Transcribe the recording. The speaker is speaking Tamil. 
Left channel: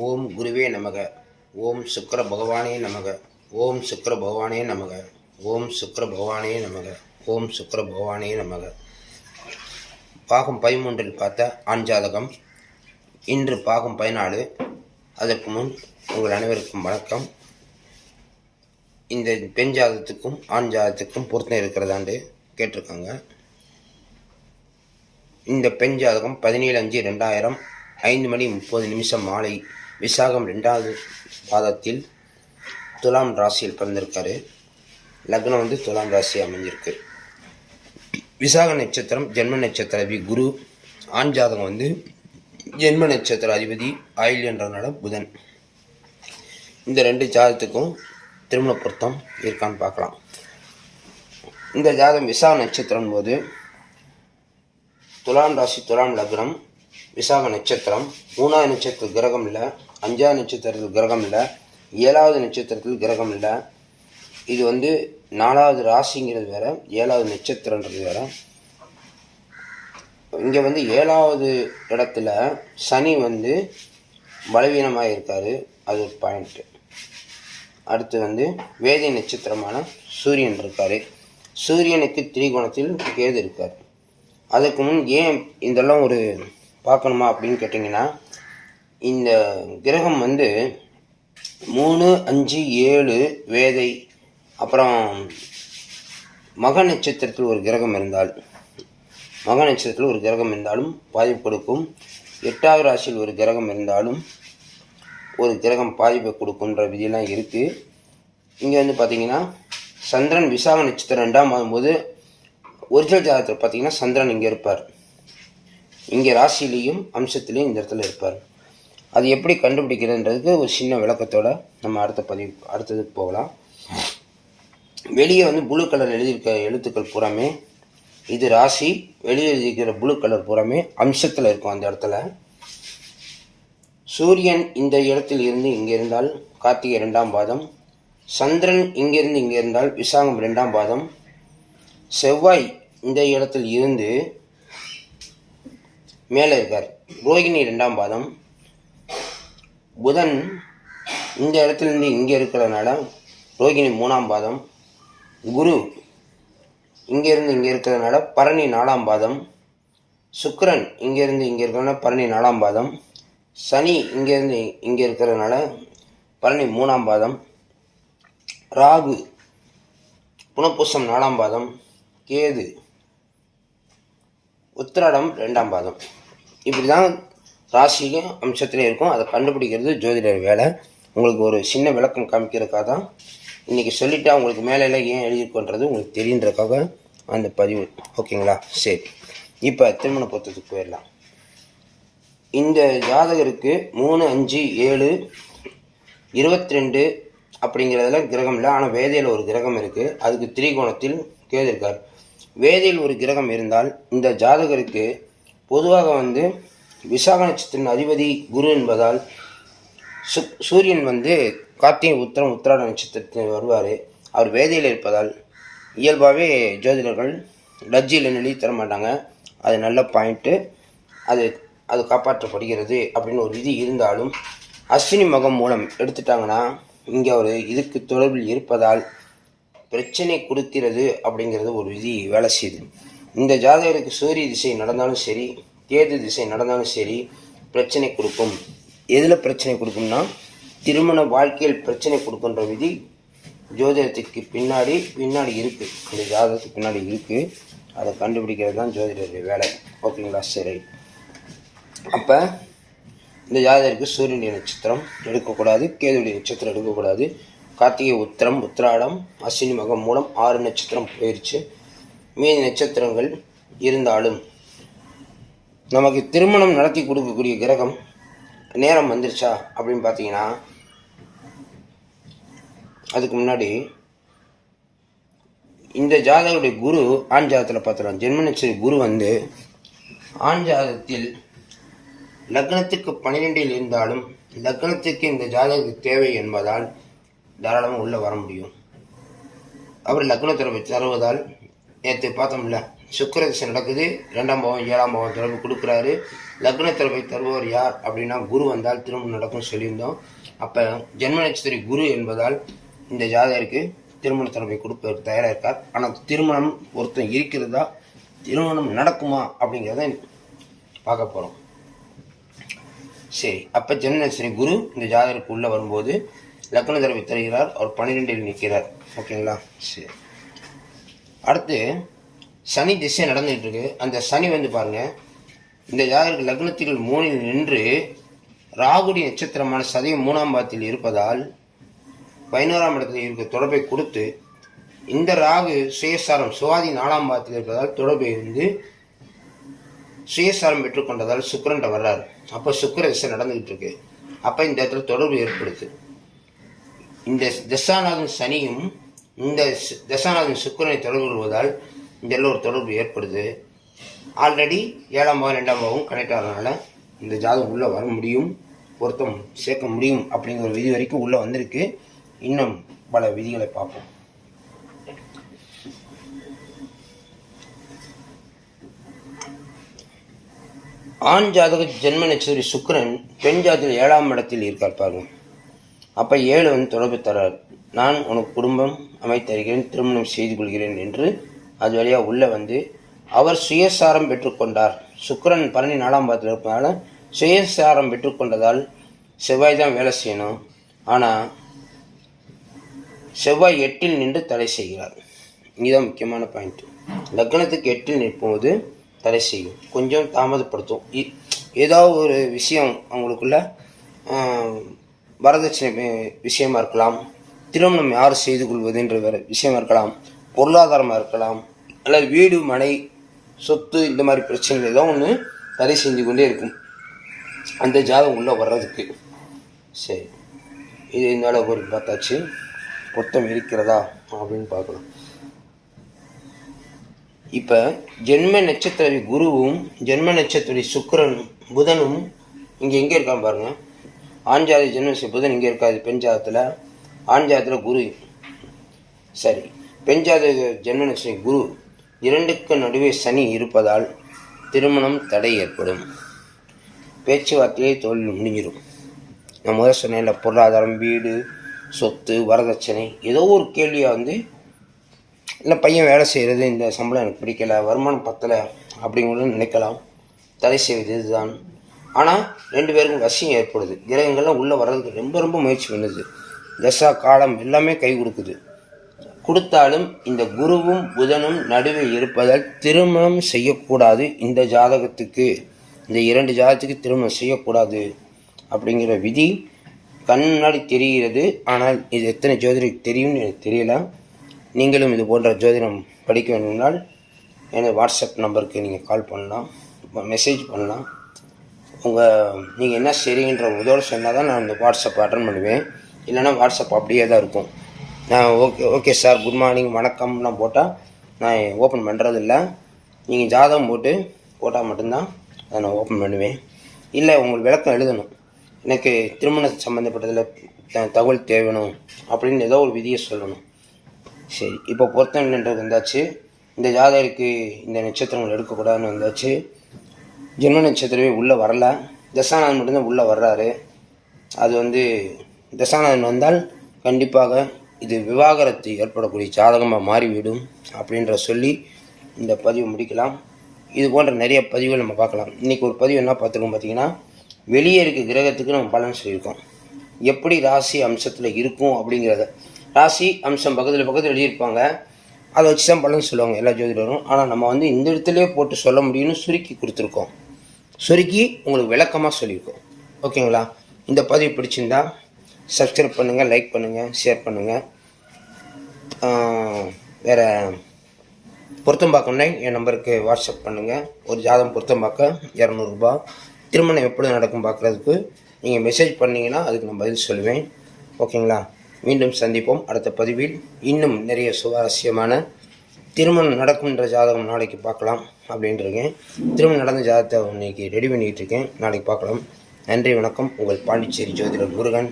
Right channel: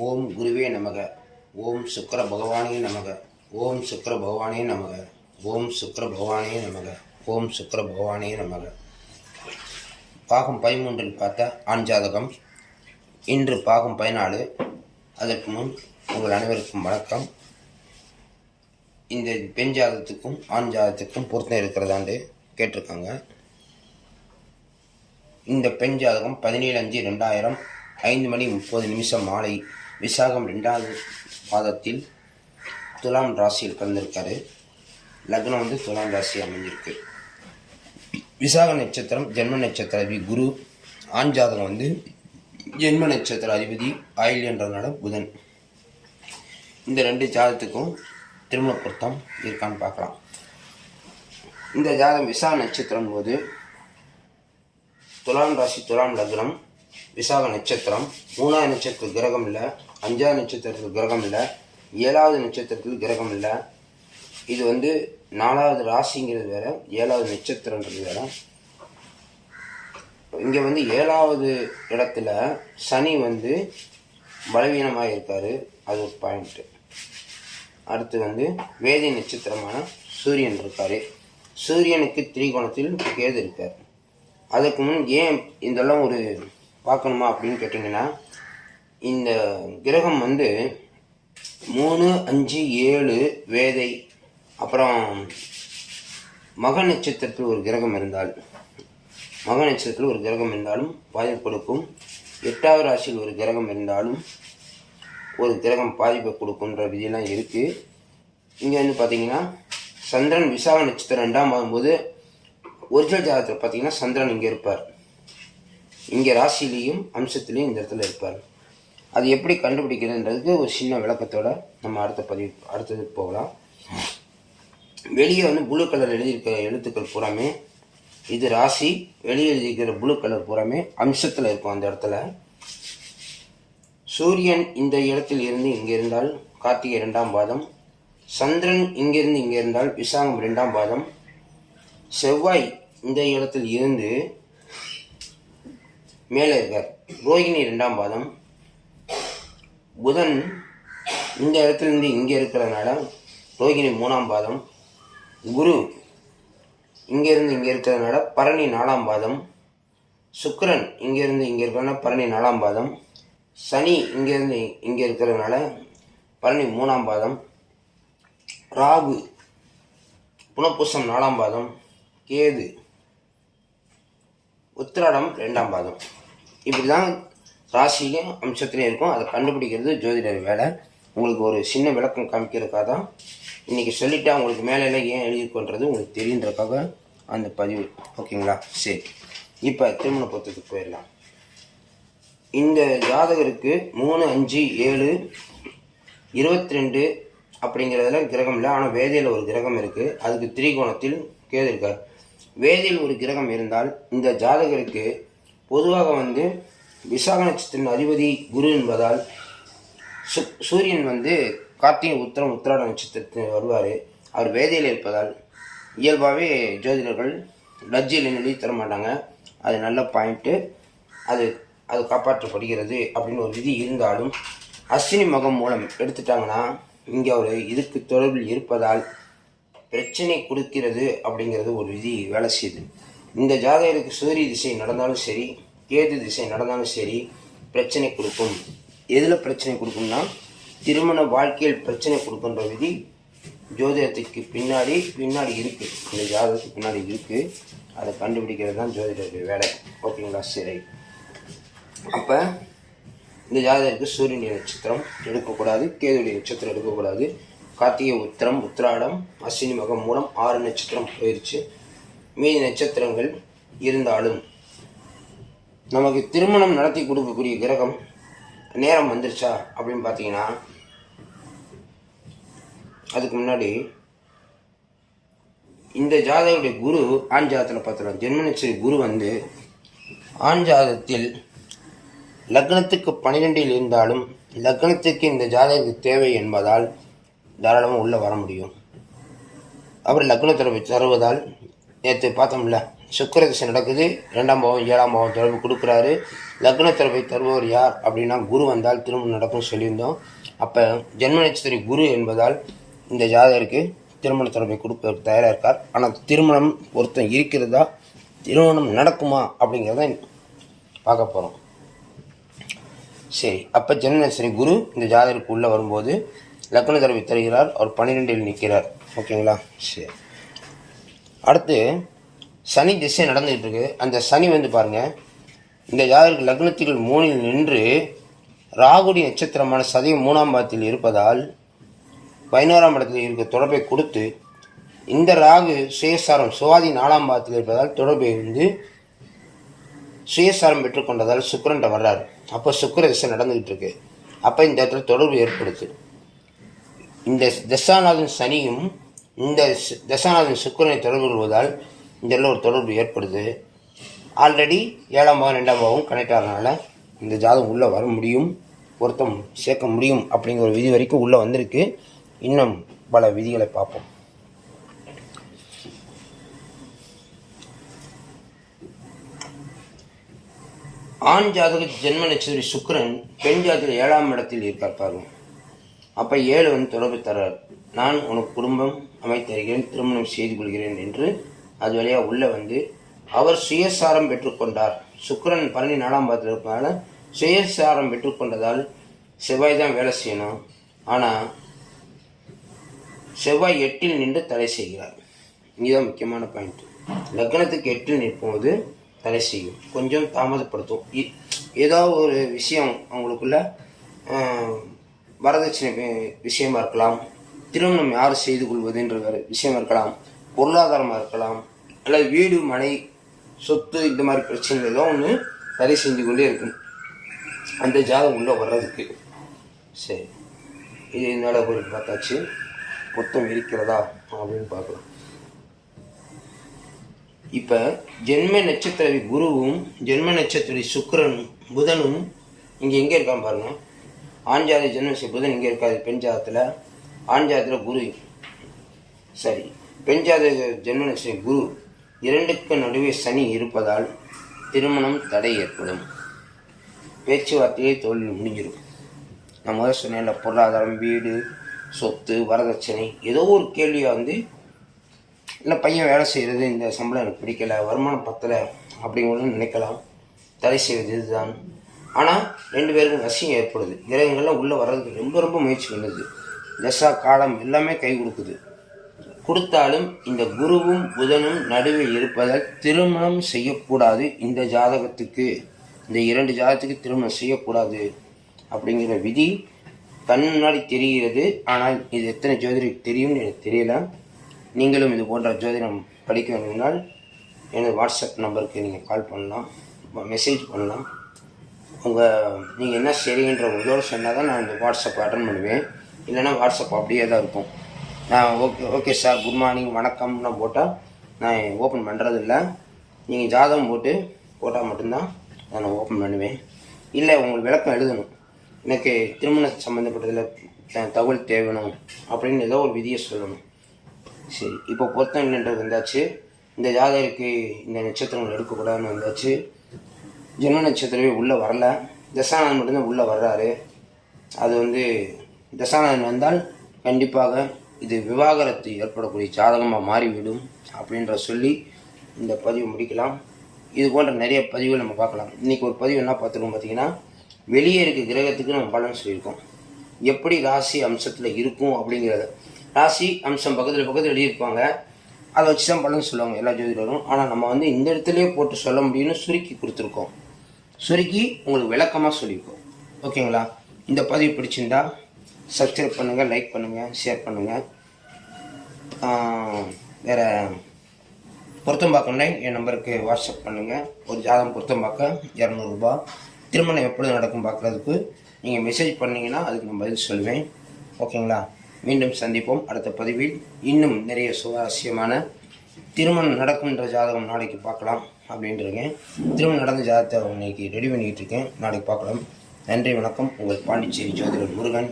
ஓம் குருவே நமக. ஓம் சுக்கிர பகவானே நமக. ஓம் சுக்கிர பகவானே நமக. ஓம் சுக்கிர பகவானே நமக. ஓம் சுக்கிர பகவானே நமக. பாகம் 13 பார்த்த ஆண் ஜாதகம். இன்று பாகம் 14. அதற்கு முன் உங்கள் அனைவருக்கும் வணக்கம். இந்த பெண் ஜாதகத்துக்கும் ஆண் ஜாதகத்துக்கும் பொருத்தம் இருக்கிறதாண்டு கேட்டிருக்காங்க. இந்த பெண் ஜாதகம் 17/5/2000 5:30 மாலை விசாகம் 2வது பாதத்தில் துலாம் ராசியில் பிறந்திருக்காரு. லக்னம் துலாம் ராசி அமைஞ்சிருக்கு. விசாக நட்சத்திரம் ஜென்ம நட்சத்திர அதிபதி குரு. ஆண் ஜாதகம் ஜென்ம நட்சத்திர அதிபதி ஆயில்யன்றனால புதன். இந்த 2 ஜாதகத்துக்கும் திருமண பொருத்தம் இருக்கான்னு பார்க்கலாம். இந்த ஜாதகம் விசாக நட்சத்திரம் போது துலாம் ராசி துலாம் லக்னம் விசாக நட்சத்திரம். 3வது நட்சத்திரத்தில் கிரகம் இல்லை, 5வது நட்சத்திரத்தில் கிரகம் இல்லை, 7வது நட்சத்திரத்தில் கிரகம் இல்லை. இது 4வது ராசிங்கிறது வேற, 7வது நட்சத்திரன்றது வேற. இங்கே 7வது இடத்துல சனி பலவீனமாக இருக்காரு, அது ஒரு பாயிண்ட்டு. அடுத்து வேதி நட்சத்திரமான சூரியன் இருக்காரு. சூரியனுக்கு திரிகோணத்தில் கேது இருக்கார். அதுக்கு முன் ஏன் இதெல்லாம் ஒரு பார்க்கணுமா அப்படின்னு கேட்டிங்கன்னா, இந்த கிரகம் 3, 5, 7 வேதை, அப்புறம் மக நட்சத்திரத்தில் ஒரு கிரகம் இருந்தாலும் பாதிப்பு கொடுக்கும். 8வது ராசியில் ஒரு கிரகம் இருந்தாலும் ஒரு கிரகம் பாதிப்பை கொடுக்குன்ற விதியெல்லாம் இருக்குது. இங்கே பார்த்தீங்கன்னா சந்திரன் விசாக நட்சத்திரம் 2ஆம் ஆகும்போது ஒரிஜினல் ஜாதகத்தில் பார்த்தீங்கன்னா சந்திரன் இங்கே இருப்பார். இங்கே ராசிலையும் அம்சத்துலேயும் இந்த இடத்துல இருப்பார். அது எப்படி கண்டுபிடிக்கிறதுன்றதுக்கு ஒரு சின்ன விளக்கத்தோட நம்ம அடுத்ததுக்கு போகலாம். வெளியே ப்ளூ கலர் எழுதியிருக்க எழுத்துக்கள் பூராமே இது ராசி. வெளியே எழுதியிருக்கிற ப்ளூ கலர் பூராமே அம்சத்தில் இருக்கும். அந்த இடத்துல சூரியன் இந்த இடத்தில் இருந்து இங்கே இருந்தால் கார்த்திகை 2ஆம் பாதம், சந்திரன் இங்கிருந்து இங்கே இருந்தால் விசாகம் 2ஆம் பாதம், செவ்வாய் இந்த இடத்தில் இருந்து மேலே இருக்கார், ரோகிணி 2ஆம் பாதம், புதன் இந்த இடத்துலேருந்து இங்கே இருக்கிறதுனால ரோகிணி 3ஆம் பாதம், குரு இங்கேருந்து இங்கே இருக்கிறதுனால பரணி 4ஆம் பாதம், சுக்கிரன் இங்கேருந்து இங்கே இருக்கிறதுனால பரணி 4ஆம் பாதம், சனி இங்கேருந்து இங்கே இருக்கிறதுனால பரணி 3ஆம் பாதம், ராகு புனப்பூசம் 4ஆம் பாதம், கேது உத்திராடம் 2ஆம் பாதம். இப்படி தான் ராசியும் அம்சத்துலேயும் இருக்கும். அதை கண்டுபிடிக்கிறது ஜோதிடர் வேலை. உங்களுக்கு ஒரு சின்ன விளக்கம் காமிக்கிறதுக்காக தான் இன்றைக்கி சொல்லிவிட்டு உங்களுக்கு மேலே ஏன் எழுதியிருக்கோன்றது உங்களுக்கு தெரியுன்றதுக்காக அந்த பதிவு. ஓகேங்களா? சரி, இப்போ திருமண பொருத்தத்துக்கு போயிடலாம். இந்த ஜாதகருக்கு 3, 5, 7, 22 அப்படிங்கிறதுல கிரகம் இல்லை. ஆனால் வேதையில் ஒரு கிரகம் இருக்குது. அதுக்கு திரிகோணத்தில் கேது இருக்கார். வேதையில் ஒரு கிரகம் இருந்தால் இந்த ஜாதகருக்கு பொதுவாக விசாக நட்சத்திரத்தின் அதிபதி குரு என்பதால் சூரியன் கார்த்திகை உத்திராட நட்சத்திரத்தில் வருவார். அவர் வேதையில் இருப்பதால் இயல்பாகவே ஜோதிடர்கள் லஜ்ஜியில் எழுதி தர மாட்டாங்க. அது நல்ல பாயிண்ட்டு. அது காப்பாற்றப்படுகிறது அப்படின்னு ஒரு விதி இருந்தாலும் அஸ்வினி மகம் மூலம் எடுத்துட்டாங்கன்னா இங்கே அவர் இதுக்கு தொடர்பில் இருப்பதால் பிரச்சனை கொடுக்கிறது அப்படிங்கிறது ஒரு விதி வேலை செய்யுது. இந்த ஜாதகருக்கு சூரிய திசை நடந்தாலும் சரி, கேது திசை நடந்தாலும் சரி பிரச்சனை கொடுக்கும். எதில் பிரச்சனை கொடுக்கும்னா திருமண வாழ்க்கையில் பிரச்சனை கொடுக்குன்ற விதி ஜோதிடத்துக்கு பின்னாடி இருக்குது. இந்த ஜாதகத்துக்கு பின்னாடி இருக்குது. அதை கண்டுபிடிக்கிறது தான் ஜோதிடருடைய வேலை. ஓகேங்களா? சரி, அப்போ இந்த ஜாதகருக்கு சூரியனுடைய நட்சத்திரம் எடுக்கக்கூடாது, கேதுடைய நட்சத்திரம் எடுக்கக்கூடாது. கார்த்திகை உத்திரம் உத்திராடம் அஸ்வினி மகம் மூலம் 6 நட்சத்திரம் போயிடுச்சு. மீதி நட்சத்திரங்கள் இருந்தாலும் நமக்கு திருமணம் நடத்தி கொடுக்கக்கூடிய கிரகம் நேரம் வந்துருச்சா அப்படின்னு பார்த்தீங்கன்னா, அதுக்கு முன்னாடி இந்த ஜாதகருடைய குரு ஆண் ஜாதகத்தில் பார்த்துக்கலாம். ஜென்ம நட்சத்திர குரு ஆண் ஜாதகத்தில் லக்னத்துக்கு 12இல் இருந்தாலும் லக்னத்துக்கு இந்த ஜாதகத்துக்கு தேவை என்பதால் தாராளமாக உள்ளே வர முடியும். அப்புறம் லக்னத்தில் தருவதால் நேற்று பார்த்தோம்ல சுக்கிர திசை நடக்குது, 2ஆம் பாவம் 7ஆம் பாவம் தொடர்பு கொடுக்குறாரு. லக்ன தொடர்பை தருபவர் யார் அப்படின்னா குரு வந்தால் திருமணம் நடக்கும் சொல்லியிருந்தோம். அப்போ ஜென்ம நட்சத்திர குரு என்பதால் இந்த ஜாதகருக்கு திருமண தொடர்பை கொடுப்பதற்கு தயாராக இருக்கார். ஆனால் திருமணம் ஒருத்தன் இருக்கிறதா, திருமணம் நடக்குமா அப்படிங்கிறத பார்க்க போகிறோம். சரி, அப்போ ஜென்ம நட்சத்திர குரு இந்த ஜாதகருக்கு உள்ளே வரும்போது லக்ன தொடர்பை தருகிறார். அவர் 12இல் நிற்கிறார். ஓகேங்களா? சரி, அடுத்து சனி திசை நடந்துகிட்டு இருக்கு. அந்த சனி வந்து பாருங்கள், இந்த ஜாதகருக்கு லக்னத்தில் 3இல் நின்று ராகுடி நட்சத்திரமான சதயம் 3ஆம் பாவத்தில் இருப்பதால் 11ஆம் இடத்தில் இருக்க தொடர்பை கொடுத்து, இந்த ராகு சுயசாரம் சுவாதி 4ஆம் பாவத்தில் இருப்பதால் தொடர்பை வந்து சுயசாரம் பெற்றுக்கொண்டதால் சுக்கிரன்ட்ட வர்றாரு. அப்போ சுக்கிர திசை நடந்துகிட்டு இருக்கு. அப்போ இந்த இடத்துல தொடர்பு ஏற்படுது. இந்த தசாநாதன் சனியும் இந்த தசாநாதன் சுக்கிரனை தொடர்பு கொள்வதால் இந்த ஒரு தொடர்பு ஏற்படுது. ஆல்ரெடி 7ஆம் பாவம் 2ஆம் பாவம் கனெக்ட் ஆகிறதுனால இந்த ஜாதகம் உள்ளே வர முடியும், பொருத்தம் சேர்க்க முடியும் அப்படிங்கிற ஒரு விதி வரைக்கும் உள்ளே வந்திருக்கு. இன்னும் பல விதிகளை பார்ப்போம். ஆண் ஜாதக ஜென்ம நட்சத்திர சுக்கிரன் பெண் ஜாதகத்தில் 7ஆம் இடத்தில் இருக்கார் பாருங்க. அப்போ 7 வந்து தொடர்பு தரார். நான் உனக்கு குடும்பம் அமைத்தருகிறேன், திருமணம் செய்து கொள்கிறேன் என்று அது வழியாக உள்ளே வந்து அவர் சுயசாரம் பெற்றுக்கொண்டார். சுக்கிரன் 14ஆம் பாவத்தில் இருப்பதனால சுயசாரம் பெற்றுக்கொண்டதால் செவ்வாய் தான் வேலை செய்யணும். ஆனால் செவ்வாய் 8இல் நின்று தடை செய்கிறார். இதுதான் முக்கியமான பாயிண்ட். லக்னத்துக்கு 8இல் நிற்போது தடை செய்யும், கொஞ்சம் தாமதப்படுத்தும். ஏதாவது ஒரு விஷயம் அவங்களுக்குள்ள வரதட்சணை விஷயமா இருக்கலாம், திருமணம் யார் செய்து கொள்வதுன்ற வேறு விஷயமா இருக்கலாம், பொருளாதாரமாக இருக்கலாம், அல்லது வீடு மனை சொத்து இந்த மாதிரி பிரச்சனைகள் ஏதோ ஒன்று தடை செஞ்சு கொண்டே இருக்கும் அந்த ஜாதகம் உள்ளே வர்றதுக்கு. சரி, இது என்னால் ஒரு பார்த்தாச்சு. பொருத்தம் இருக்கிறதா அப்படின்னு பார்க்கலாம். இப்போ ஜென்ம நட்சத்திர குருவும் ஜென்ம நட்சத்திர சுக்கிரன் புதனும் இங்கே எங்கே இருக்கான்னு பாருங்கள். ஆண் ஜாதி ஜென்ம புதன் இங்கே இருக்காது, பெண் ஜாதத்தில். ஆண் ஜாதத்தில் குரு, சரி, பெண் ஜாதக ஜென்ம நட்சத்திர குரு இரண்டுக்கு நடுவே சனி இருப்பதால் திருமணம் தடை ஏற்படும். பேச்சுவார்த்தையை தொழில் முடிஞ்சிடும். நான் முதல் சொன்னேன்ல, பொருளாதாரம், வீடு, சொத்து, வரதட்சணை, ஏதோ ஒரு கேள்வியாக வந்து இல்லை பையன் வேலை செய்கிறது, இந்த சம்பளம் எனக்கு பிடிக்கலை, வருமானம் பத்தலை அப்படிங்கிறது நினைக்கலாம். தடை செய்வது இதுதான். ஆனால் 2 பேருக்கும் வசியம் ஏற்படுது. கிரகங்கள்லாம் உள்ளே வர்றதுக்கு ரொம்ப ரொம்ப முயற்சி பண்ணுது. தசா காலம் எல்லாமே கை கொடுக்குது. கொடுத்தாலும் இந்த குருவும் புதனும் நடுவே இருப்பதால் திருமணம் செய்யக்கூடாது. இந்த ஜாதகத்துக்கு, இந்த 2 ஜாதகத்துக்கு திருமணம் செய்யக்கூடாது அப்படிங்கிற விதி கண் முன்னாடி தெரிகிறது. ஆனால் இது எத்தனை ஜோதிடருக்கு தெரியும்னு எனக்கு தெரியல. நீங்களும் இது போன்ற ஜோதிடம் படிக்க வேண்டும்னால் எனது வாட்ஸ்அப் நம்பருக்கு நீங்கள் கால் பண்ணலாம், மெசேஜ் பண்ணலாம். நீங்கள் என்ன செய்றீங்கன்ற முதல்ல சொன்னால் தான் நான் இந்த வாட்ஸ்அப் அட்டன் பண்ணுவேன். இல்லைன்னா வாட்ஸ்அப் அப்படியே தான் இருக்கும். ஓகே சார், குட் மார்னிங், வணக்கம்னா போட்டால் நான் ஓப்பன் பண்ணுறதில்ல. நீங்கள் ஜாதகம் போட்டால் மட்டும்தான் அதை நான் ஓப்பன் பண்ணுவேன். இல்லை உங்களுக்கு விளக்கம் எழுதணும், எனக்கு திருமணம் சம்மந்தப்பட்டதில் தகவல் தேவைணும் அப்படின்னு ஏதோ ஒரு விதியை சொல்லணும். சரி, இப்போ பொருத்தம் இல்லைன்றது வந்தாச்சு. இந்த ஜாதகருக்கு இந்த நட்சத்திரங்கள் எடுக்கக்கூடாதுன்னு வந்தாச்சு. ஜென்ம நட்சத்திரமே உள்ளே வரல, தசாநாதன் மட்டும்தான் உள்ளே வர்றாரு. அது வந்து தசாநாதன் வந்தால் கண்டிப்பாக இது விவாகரத்து ஏற்படக்கூடிய ஜாதகமாக மாறிவிடும் அப்படின்ற சொல்லி இந்த பதிவு முடிக்கலாம். இது போன்ற நிறைய பதிவுகள் நம்ம பார்க்கலாம். இன்றைக்கி ஒரு பதிவு என்ன பார்த்துருக்கோம் பார்த்தீங்கன்னா, வெளியே இருக்க கிரகத்துக்கு நம்ம பலன் சொல்லியிருக்கோம். எப்படி ராசி அம்சத்தில் இருக்கும் அப்படிங்கிறத, ராசி அம்சம் பக்கத்தில் எழுதியிருப்பாங்க, அதை வச்சு தான் பலன் சொல்லுவாங்க எல்லா ஜோதிடரும். ஆனால் நம்ம வந்து இந்த இடத்துலேயே போட்டு சொல்ல முடியும்னு சுருக்கி கொடுத்துருக்கோம். சுருக்கி உங்களுக்கு விளக்கமாக சொல்லியிருக்கோம். ஓகேங்களா? இந்த பதிவு பிடிச்சிருந்தா சப்ஸ்கிரைப் பண்ணுங்கள், லைக் பண்ணுங்கள், ஷேர் பண்ணுங்கள். வேறு பொருத்தம் பார்க்கணுன்னா என் நம்பருக்கு வாட்ஸ்அப் பண்ணுங்கள். ஒரு ஜாதகம் பொருத்தம் பார்க்க 200 ரூபா. திருமணம் எப்பொழுது நடக்கும் பார்க்குறதுக்கு நீங்கள் மெசேஜ் பண்ணிங்கன்னா அதுக்கு நான் பதில் சொல்லுவேன். ஓகேங்களா? மீண்டும் சந்திப்போம் அடுத்த பதிவில். இன்னும் நிறைய சுவாரஸ்யமான திருமணம் நடக்கும்ன்ற ஜாதகம் நாளைக்கு பார்க்கலாம் அப்படின்ட்டுருக்கேன். திருமணம் நடந்த ஜாதகத்தை இன்னைக்கு ரெடி பண்ணிக்கிட்டு இருக்கேன், நாளைக்கு பார்க்கலாம். நன்றி, வணக்கம். உங்கள் பாண்டிச்சேரி ஜோதிடர் முருகன்.